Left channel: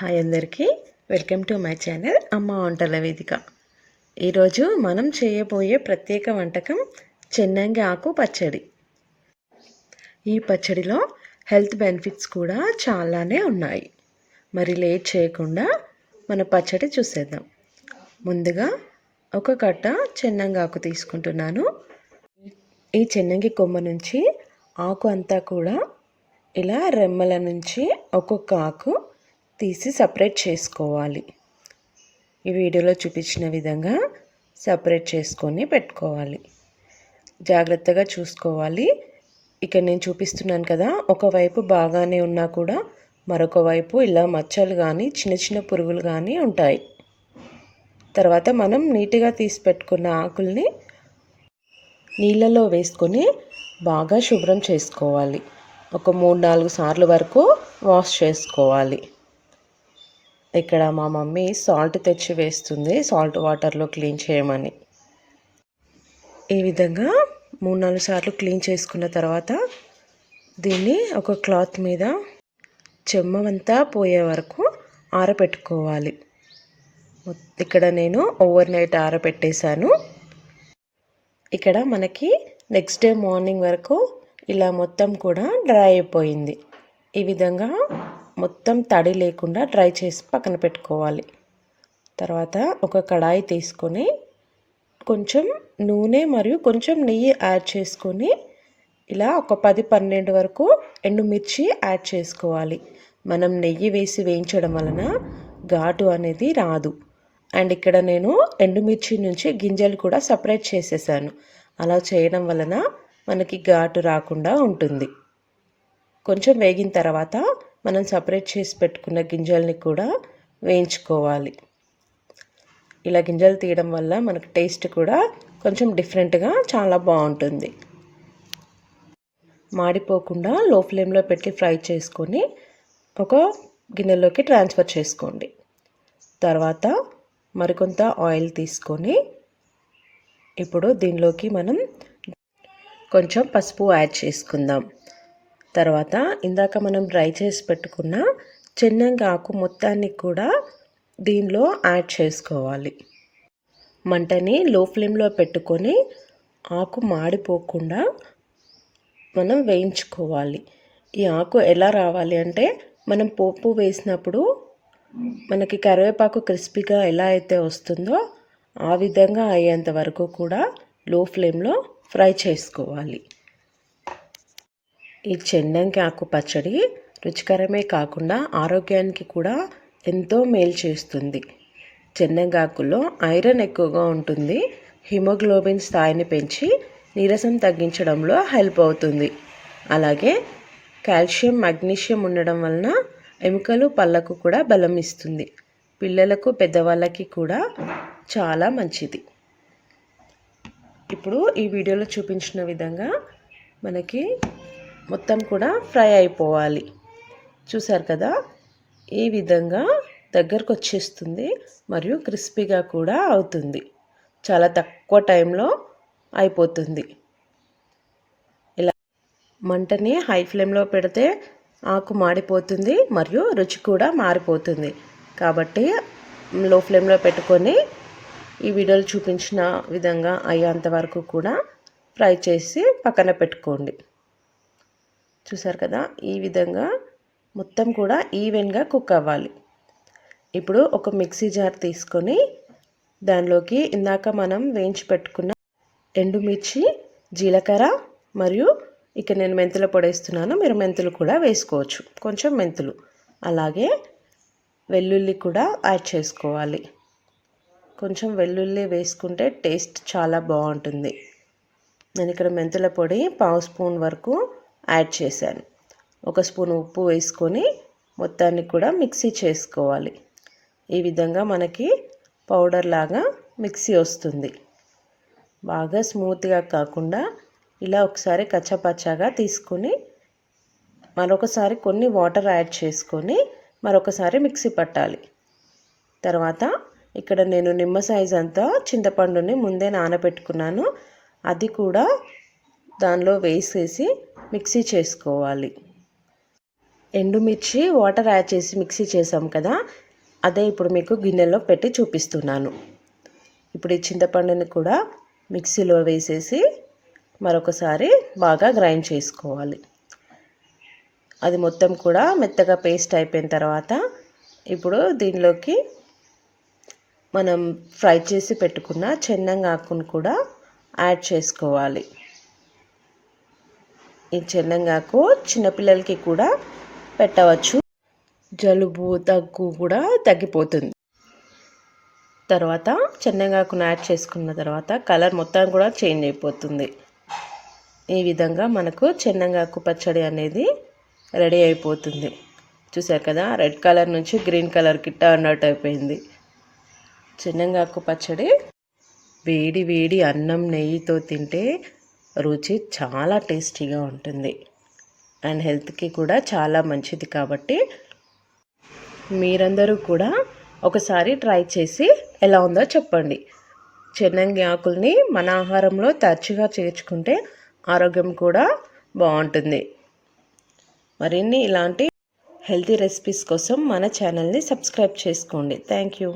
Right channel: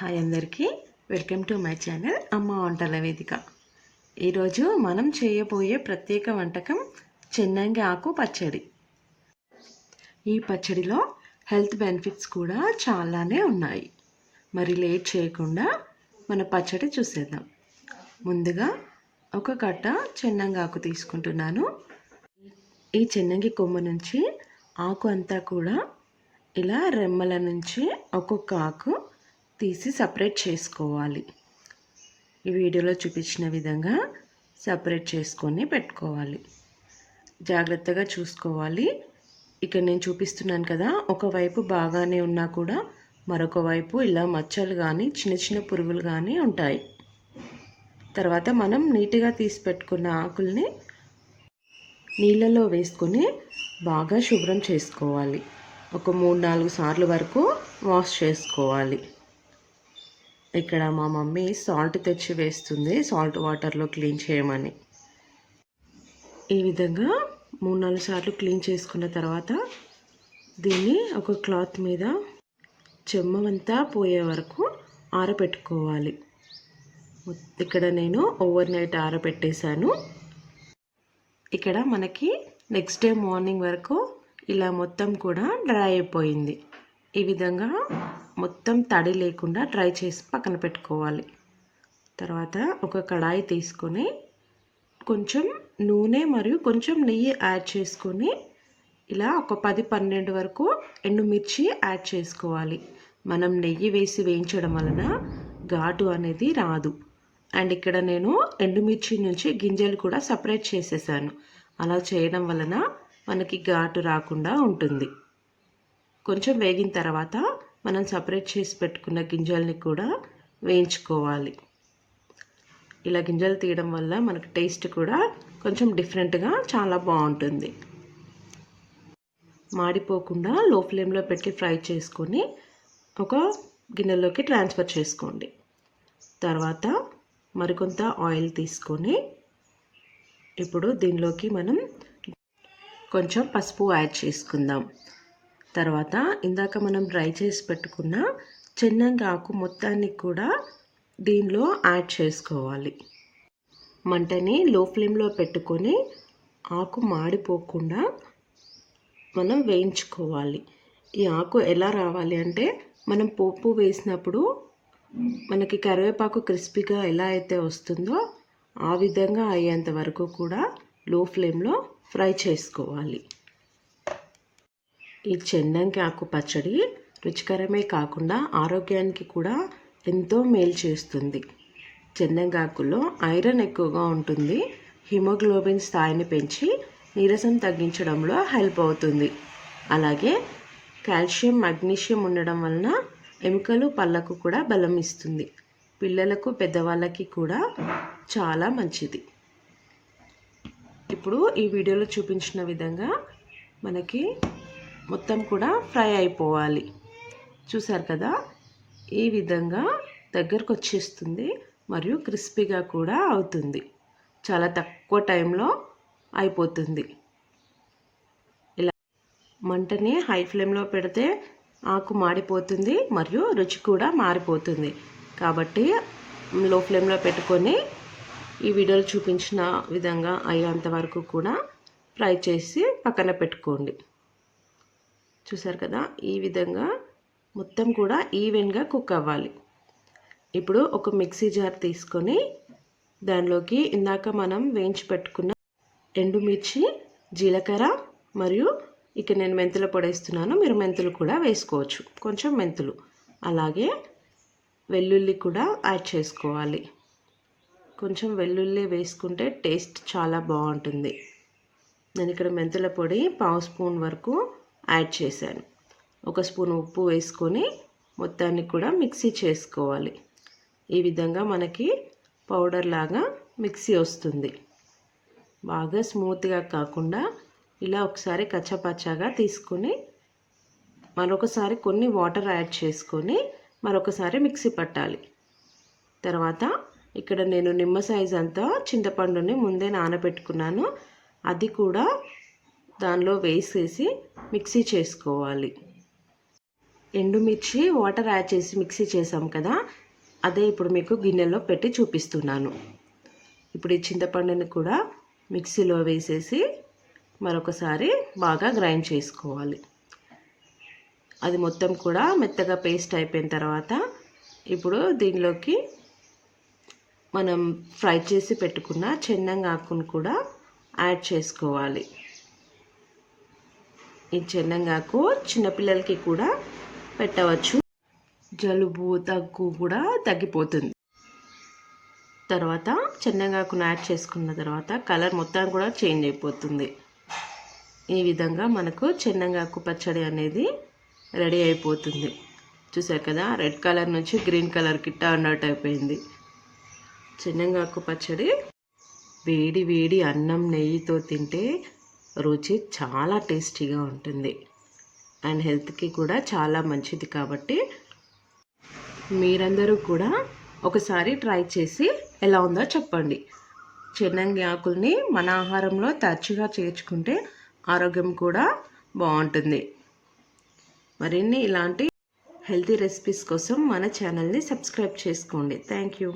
Hi అందరికీ, welcome to my channel అమ్మ వంటల వేదిక. ఈరోజు మనం చేయబోయే ప్రత్యేక వంటకం చెన్నంగి ఆకు పచ్చడి. ఈ పచ్చడిలో హెల్త్ బెనిఫిట్స్ కూడా చాలానే ఉన్నాయి. మరి లేట్ చేయకుండా మన పచ్చడి చూసేద్దాం. ముందుగా ఒక కట్ట చెన్నంగి ఆకు తీసుకుంటున్నాను. ఈ చెన్నంగి కొమ్మ నుంచి ఆకు అంతా కూడా ఇలా రెమ్మల నుంచి ఒక్కొక్క ఆకు తీసి సపరేట్ చేసుకోవాలి. ఈ వీడియోలో చూపించిన విధంగా సపరేట్ చేసుకొని పెట్టుకోవాలి. జాగ్రత్తగా చూసుకోవాలి. ఇక్కడ నేను చూపిస్తున్నాను కదా, ఒకవైపు బాగానే ఉన్నా కూడా మరొక వైపు ఇలా మచ్చలు కానీ చిన్న చిన్న పురుగులు కానీ ఉంటాయి. తర్వాత మనం నీట్గా తీసి పెట్టుకున్న ఆకుల్ని నీళ్ళలో వేసుకొని బాగా శుభ్రం చేసుకోవాలి. ఒక 3-4 సార్లు వరకు వాష్ చేసుకోవాలి. ఇక్కడ మా మమ్మీ సాల్ట్ తెచ్చి వేస్తుంది, సాల్ట్ వాటర్లో క్లీన్ చేయమని. ఈ విధంగా 3-4 సార్లు క్లీన్ చేసుకున్న తర్వాత దీన్ని ఒక క్లాత్ మీద చెమ్మవంతా పోయే వరకు ఆరబెట్టుకోవాలి. ఇక్కడ నేను ఓవర్ నైట్ ఆరబెట్టేశాను. ఇక్కడ మనకి నెక్స్ట్ డే మార్నింగ్ వరకు ఇలా మొత్తం కూడా డ్రై అయిపోయింది. ఈ విధంగా మొత్తం తడి లేకుండా డ్రై చేసి పక్కన పెట్టుకోవాలి. తర్వాత ఒక కడాయి తీసుకొని కొంచెం నూనె మరియు కొంచెం నెయ్యి యాడ్ చేసుకొని ఇలా ఒక 10-12 వరకు ఎండుమిర్చి యాడ్ చేసుకోవాలి. మనం నెయ్యి వేసి వేయించడం వలన ఘాటు అనేది రాదు. అండ్ ఇక్కడ నేను ఎండుమిర్చి నుంచి గింజలు కూడా సపరేట్ చేసేసాను. అలా చేయడం వలన మనకి ఘాటు రాకుండా ఉంటుంది. కొంచెం వేగిన తర్వాత మనం సపరేట్ చేసి పెట్టుకున్న గింజల్ని కూడా వేయించుకోవాలి. ఇలా గింజలు తీయడం వల్ల మనకు టేస్ట్ కూడా కొంచెం డిఫరెంట్గా చాలా బాగుంటుంది. మాడిపోకుండా లో ఫ్లేమ్లో పెట్టి ఫ్రై చేసుకొని ఒక గిన్నెలోకి ట్రాన్స్ఫర్ చేసుకోండి. తర్వాత మరికొంత ఆయిల్ తీసుకొని ఇప్పుడు దీనిలోకి మనం కొంచెం పసుపు యాడ్ చేసుకుందాం. తర్వాత ఇందాక మనం డ్రై చేసి పెట్టుకున్న చెన్నంగి ఆకు మొత్తాన్ని కూడా దీనిలో యాడ్ చేసుకోవాలి. మంటని లో ఫ్లేమ్లో పెట్టుకొని ఆకు మాడిపోకుండా మనం వేయించుకోవాలి. ఈ ఆకు ఎలా రావాలి అంటే, మనం పోపు వేసినప్పుడు మనకి కరివేపాకు క్రిస్పీగా ఎలా అయితే వస్తుందో ఆ విధంగా అయ్యేంత వరకు కూడా లో ఫ్లేమ్లో ఫ్రై చేసుకోవాలి. ఈ చెన్నంగి ఆకు పచ్చడి రుచికరమే కాకుండా ఆరోగ్యానికి కూడా ఎంతో మేలు చేస్తుంది. చెన్నంగి ఆకులో ఐరన్ ఎక్కువగా ఉంటుంది. హిమోగ్లోబిన్ స్థాయిని పెంచి నీరసం తగ్గించడంలో హెల్ప్ అవుతుంది. అలాగే కాల్షియం, మెగ్నీషియం ఉండడం వలన ఎముకలు, పళ్ళకు కూడా బలం ఇస్తుంది. పిల్లలకు, పెద్దవాళ్ళకి కూడా చాలా మంచిది. ఇప్పుడు ఈ వీడియోలో చూపించిన విధంగా మనకి మొత్తం కూడా ఫ్రై అయిపోవాలి. చూసారు కదా, ఈ విధంగా దగ్గరకు వచ్చేస్తుంది మరియు క్రిస్పీగా కూడా అవుతుంది. చాలా తక్కువ టైంలో అయిపోతుంది. ఇలా మంటని హై ఫ్లేమ్లో పెడితే ఆకు మాడిపోతుంది మరియు రుచి కూడా మారిపోతుంది. కాబట్టి లో ఫ్లేమ్లో పెట్టుకొని ఈ వీడియోలో చూపించిన విధంగా అయ్యేంత వరకు కూడా ఫ్రై చేసి పక్కన పెట్టుకోండి. చూసారు కదా, ఈ విధంగా మొత్తం కూడా ఈవెన్గా కుక్ అవ్వాలి. ఇప్పుడు ఒక మిక్సీ జార్ తీసుకొని దానిలోకి ఇందాక మనం వేయించి పెట్టుకున్న ఎండుమిర్చి, జీలకర్ర మరియు ఇక నేను మెంతుల పొడి వేస్తున్నాను. మీరు మెంతులు కూడా వేసుకోవచ్చు, కొంచెం మెంతులు. అలాగే వెల్లుల్లి కూడా యాడ్ చేసుకోవాలి. కొంచెం వెల్లుల్లి వేసుకుంటే టేస్ట్ చాలా బాగుంటుంది. నేను ఇక్కడ మెంతుల పొడి 1/2 స్పూన్ వరకు యాడ్ చేశాను. 1 స్పూన్ ఉప్పు వేసుకొని మొత్తాన్ని కూడా మిక్సీ చేసుకోవాలి. ఈ విధంగా మనకి పౌడర్ లాగా మిక్సీ వస్తుంది. బాగా స్మూత్గా కాకుండా ఇలా ఒకసారి కచ్చపచ్చగా తీసుకొని మరొకసారి కొన్ని వాటర్ యాడ్ చేసుకొని మరొకసారి మిక్సీ పట్టాలి. తర్వాత ఇక్కడ నేను నిమ్మ సైజ్ అంతా చింతపండుని ముందే నానబెట్టుకున్నాను. అది కూడా దానిలో వేసేసి మిక్సీ చేసుకోవాలి. ఎండుమిర్చి వాటర్ యాడ్ చేసి మిక్సీ చేసాం కదా, అదే ఇప్పుడు మీకు గిన్నెలో పెట్టి చూపిస్తున్నాను. ఇప్పుడు ఈ చింతపండుని కూడా మిక్సీలో వేసేసి మరొకసారి బాగా గ్రైండ్ చేసుకోవాలి. అది మొత్తం కూడా మెత్తగా పేస్ట్ అయిపోయిన తర్వాత ఇప్పుడు దీనిలోకి మనం ఫ్రై చేసి పెట్టుకున్న చెన్నంగాకును కూడా యాడ్ చేసుకోవాలి. ఈ చెన్నంగాకు చిన్నపిల్లలకి కూడా పెట్టవచ్చు, జలుబు దగ్గు కూడా తగ్గిపోతుంది. తర్వాత చెన్నంగాకును యాడ్ చేసుకున్న తర్వాత కలర్ మొత్తం కూడా చేంజ్ అయిపోతుంది. ఈ విధంగా మనకు చెన్నంగాకు పచ్చడి అనేది రెడీ అయిపోతుంది. చూసారు కదా, రెడ్ కలర్ నుంచి గ్రీన్ కలర్కి టర్న్ అవుట్ అయిపోయింది. చెన్నంగాకు పచ్చడి వేడి వేడి అన్నం నెయ్యితో తింటే రుచి చాలా టేస్టీగా ఉంటుంది అండ్ హెల్త్కి కూడా చాలా మంచిది. కాబట్టి మీరందరూ కూడా ఒకసారి ట్రై చేసి ఎలా ఉందో చెప్పండి. చెన్నంగి ఆకుల్ని మన ఆహారంలో తరచుగా చేర్చుకుంటే ఆరోగ్యం కూడా బాగుంటుంది. మరిన్ని ఇలాంటి హెల్తీ రెసిపీస్ కోసం మన ఛానల్ని సబ్స్క్రైబ్ చేసుకోండి. Thank you.